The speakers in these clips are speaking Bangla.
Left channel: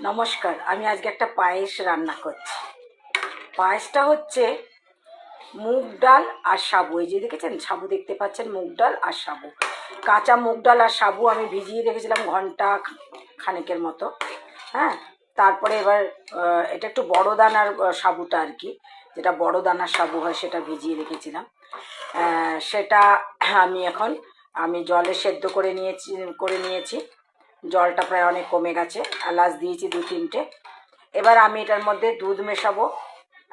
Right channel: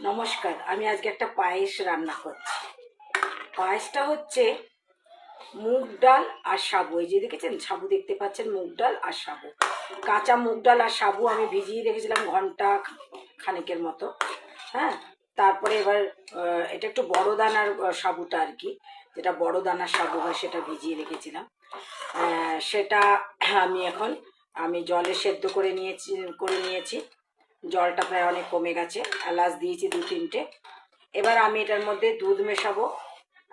নমস্কার, আমি আজকে একটা পায়েস রান্না করছি। পায়েসটা হচ্ছে মুগ ডাল আর সাবু। এই যে দেখেছেন, সাবু দেখতে পাচ্ছেন, মুগ ডাল আর সাবু। কাঁচা মুগ ডাল আর সাবু আমি ভিজিয়ে রেখেছিলাম ঘণ্টা খানেকের মতো হ্যাঁ? তারপরে এবার এটা একটু বড় দানার সাবুটা আর কি, যেটা বড় দানার সাবু হয় সেটা ভিজিয়ে রেখেছিলাম। সেটা আমি এখন, আমি জলে সেদ্ধ করে নিয়েছি করে নিয়েছি। জলটা প্রায় অনেক কমে গেছে এলাচ দিয়েছি দু তিনটে। এবার আমি এটার মধ্যে দুধ মেশাবো,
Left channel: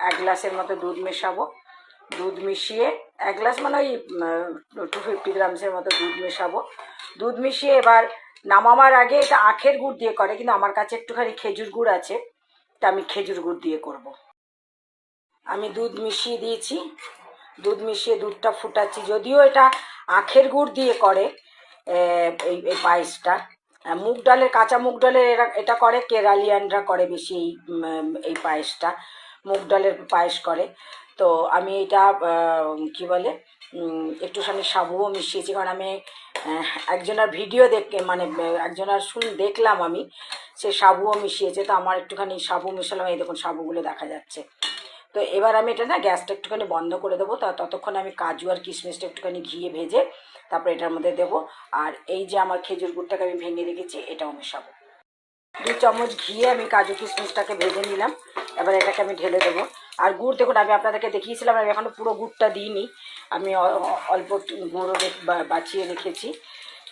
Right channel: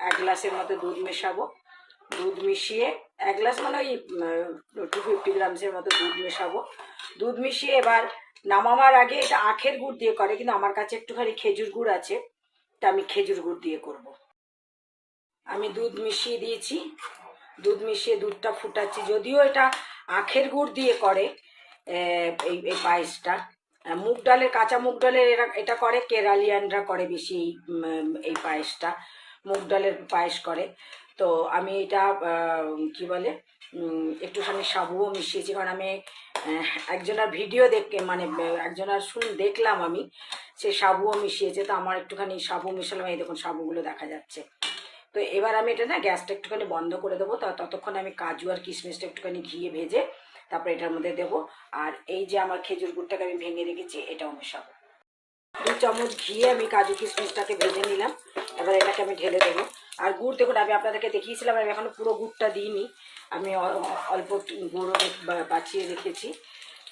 এক গ্লাসের মতো দুধ মেশাবো। দুধ মিশিয়ে এক গ্লাস মানে ওই টু ফিফটি গ্রামসের মতো দুধ মেশাবো। দুধ মিশিয়ে এবার নামাবার আগে এটা আখের গুড় দিয়ে করে, কিন্তু আমার কাছে একটুখানি খেজুর গুড় আছে, তা আমি খেজুর গুড় দিয়ে করব। আমি দুধ মিশিয়ে দিয়েছি। দুধ মিশিয়ে দুধটা ফুটাচ্ছি। যদিও এটা আখের গুড় দিয়ে করে এই পায়েসটা মুগ ডালের, কাঁচা মুগ ডালের এরা, এটা করে, কেরালিয়ানরা করে বেশি এই এই পায়েসটা, মুগ ডালের পায়েস করে। তো আমি এটা কি বলে একটুখানি সাবুও মিশিয়েছি, কারণ আমি একজনের ভিডিও দেখে মানে একজনের শুন, দেখলাম আমি, সে সাবুও মিশিয়েছে, তো আমার একটুখানি সাবু মিশালাম, এই দেখুন সাবুগুলো দেখা যাচ্ছে। তো এবার আমি এটা না, গ্যাসটা একটুখানি বন্ধ করে দেবো, তা ততক্ষণ আমি কাজু আর কিশমিশটা একটুখানি ঘিয়ে ভেজে তারপরে এটার মধ্যে দেবো। আর এই যে আমার খেজুর গুড়টাকে আমি ভেঙে রেখেছি, এটাও মেশাবো। দু চামচ ঘিয়ে আমি কাজু কিশমিশটাকে ভেজে নিলাম। এবার এটাকে আমি ঢেলে দেবো। আর গুড় দেখুন, আমি আপনাদেরকে দেখিয়েছিলাম, আমি এখনও পুরো গুড়টা দিইনি। আমি অল্প গুঁড়ো রে- বা- বাছিয়ে রেখেছি।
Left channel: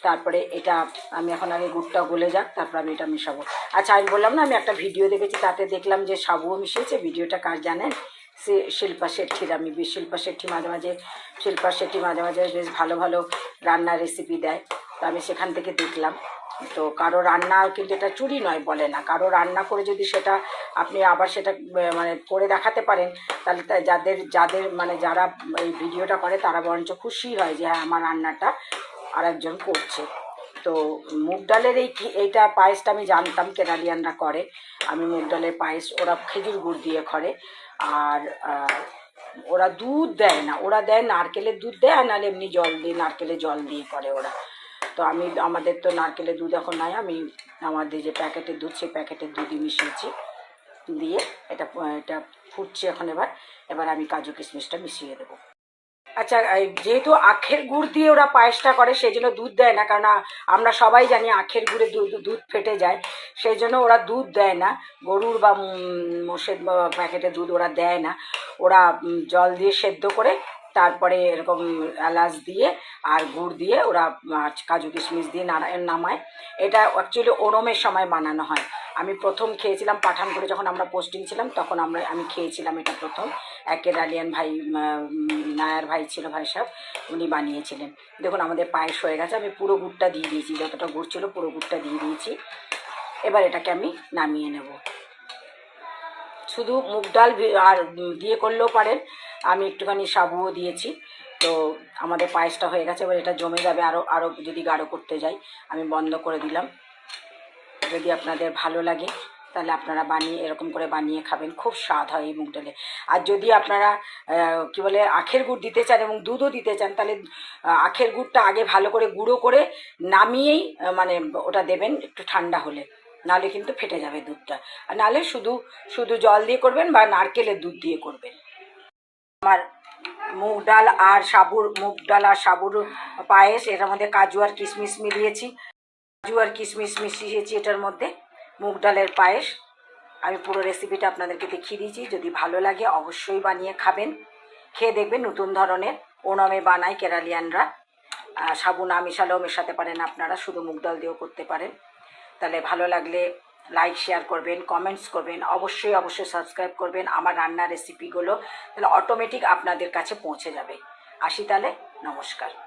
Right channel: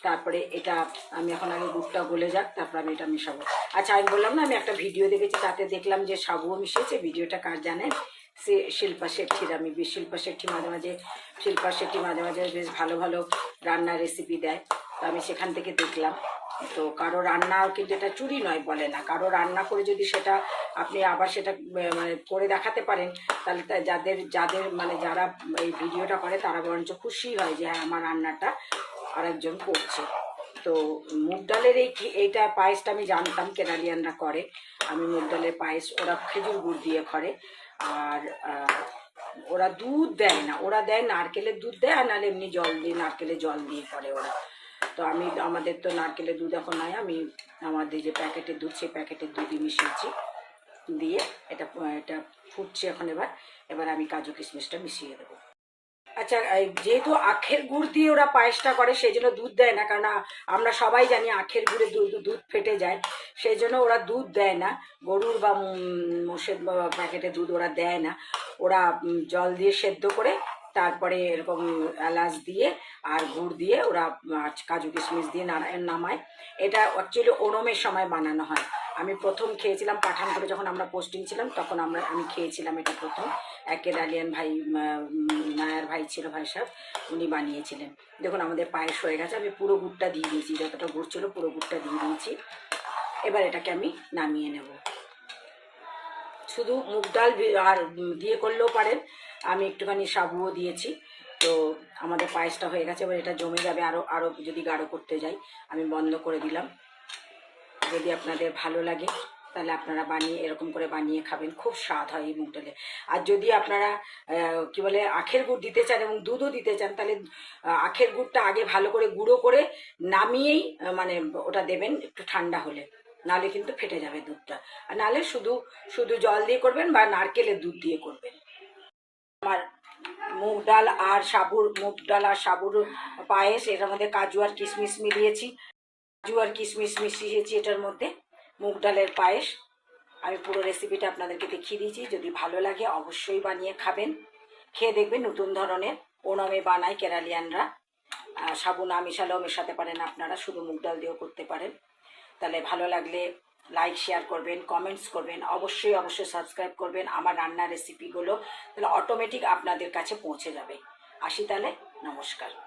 তারপরে এটা আমি এখন আমি গুড়টা গলে যাক, তারপর আমি এটা মেশাবো। আচ্ছা আমি বললাম না, আমি একটা ভিডিও দেখেছি, তাতে দেখলাম যে সাবুও মিশিয়েছে। ভিডিওটা কার জানেন? শিল্পা শেট্টির আমি শিল্পা শেট্টি মাঝে মাঝে, শিল্পা শেট্টি মাঝে মাঝে বেশ ভালো ভালো রান্নার রেসিপি দেয়। তো আমি সেখান থেকে দেখলাম। তো কারও রান্না কিন্তু এটা চুরি নয় বলে না। কারও রান্না করে যদি সেটা আপনি আবার সেটা মানে করে দেখাতে পারেন, তাহলে যাদের যাদের মানে যারা এই ভিডিওটা করে তারা বরঞ্চ খুশি হয় যে হ্যাঁ আমার রান্নাটা আরেকজন করছে। তো মুগ ডালের এই এইটা পায়েসটা আমি জানতাম কেনারিয়ানরা করে। আমি মুগ ডালের পায়েস, ওরা খেজুর গুড় দিয়ে করে। আর ওরা দুধ দেয় না। ওরা দেয় নারকেলের দুধ দেয়, আর নাহলে এমনি জল দিয়ে নারকেলের জল দিয়ে করে ওরা। তো আমি, আমাদের তো নারকেলের দুধ এখন নাই। আমি আমাদের যে প্যাকেটের দুধ, সেই প্যাকেটের দুধই মিশিয়েছি। দিয়ে এটা এটা ফুটছে এখন এবার। এবার আমি কাজু কিশমিশটা মিশিয়ে দেবো। আচ্ছা যেহেতু আখের গুড় দিয়ে ওরা পায়েসটা করে সেই জন্য দুধ দেয় না কারণ আমরা সবাই জানি আখের গুড়ে দুধ ফেটে যায় সেই জন্য ওরা দুধ দেয় না। গরুর বা মোষের প্যাকেটে দুধ ওরা দেয় না। ওরা জল দিয়ে সেদ্ধ করে, তারপরে এরকম এলাচ দিয়ে আর গুড় দিয়ে ওরা কাজু কিশমিশ দিয়ে নামায়। এটা অ্যাকচুয়ালি ওরমের সময় বানানো হয়। আমি প্রথম খেয়েছিলাম পাঠানপুরে যখন আমরা পোস্টিং ছিলাম, তখন আমরা, আমি খেয়েছিলাম এটা প্রথম। একের আলিয়ান ভাই নায়ার ভাই ছিল ভাই সাহেব, উনি বানিয়েছিলেন। দেখুন, আমাদের পায়েস হয়ে গেছে, আমি পুরো গুড়টা দিয়ে দিয়েছি, যতটা গুড় ছিল পুরো গুড়টা দিয়ে দিয়েছি। এবার এটাকে আমি নামিয়ে নেব। শুধু মুগ ডাল আর দিয়ে করলেও পারেন, আমি একটুখানি সাবুও দিয়েছি। তো আমাদের পায়েসটা হয়ে গেছে, এবার এটা জমে যাবে আরও আরও যদি গাঢ় করতে যাই, আমি বন্ধ করে দিলাম। যদি আপনাদের ভালো লাগে, তাহলে আপনারা বানিয়ে, এরকম করে বানিয়ে খাবেন। খুব স্বাদ হয় এই মুগ ডালে। আর যদি আপনারা কি বলে, আখের গুড় দিতে চান এবং দুধও দিতে চান, তাহলে আখের গুড়টা আগে ভালো করে গুঁড়ো করে নামিয়েই মানে ওটা দেবেন একটু ঠান্ডা হলে। নাহলে কিন্তু ফেটে যাবে দুধটা। আর নাহলে শুধু শুধু জল দিয়ে করবেন বা নারকেলের দুধ দিয়ে করবেন। আমার মুগ ডাল আর সাবুর, মুগ ডাল আর সাবুর পায়েস এটার মধ্যে কাজু আর কিশমিশ মিলিয়েছি। কাজু আর কিশমিশ মিশিয়েছি এটার মধ্যে। মুগ ডালের পায়েস। আমি পুরো রেসিপিটা আপনাদেরকে দেখিয়ে দিয়েছি। যদি ভালো লাগে অবশ্যই বানিয়ে খাবেন। খেয়ে দেখবেন নতুন ধরনের ওনমে বানায় কেরালিয়ানরা। আহ, সাবু না মিশালেও মেশাতে পারেন আপনারা। শুধু মুগ ডাল দিয়েও করতে পারেন। তাহলে ভালো লাগলে লাইক শেয়ার করবেন কমেন্টস করবেন। অবশ্যই অবশ্যই সাবস্ক্রাইব করবেন আমার রান্নার রেসিপিগুলো তাহলে অটোমেটিক আপনাদের কাছে পৌঁছে যাবে। আসি তাহলে। নমস্কার।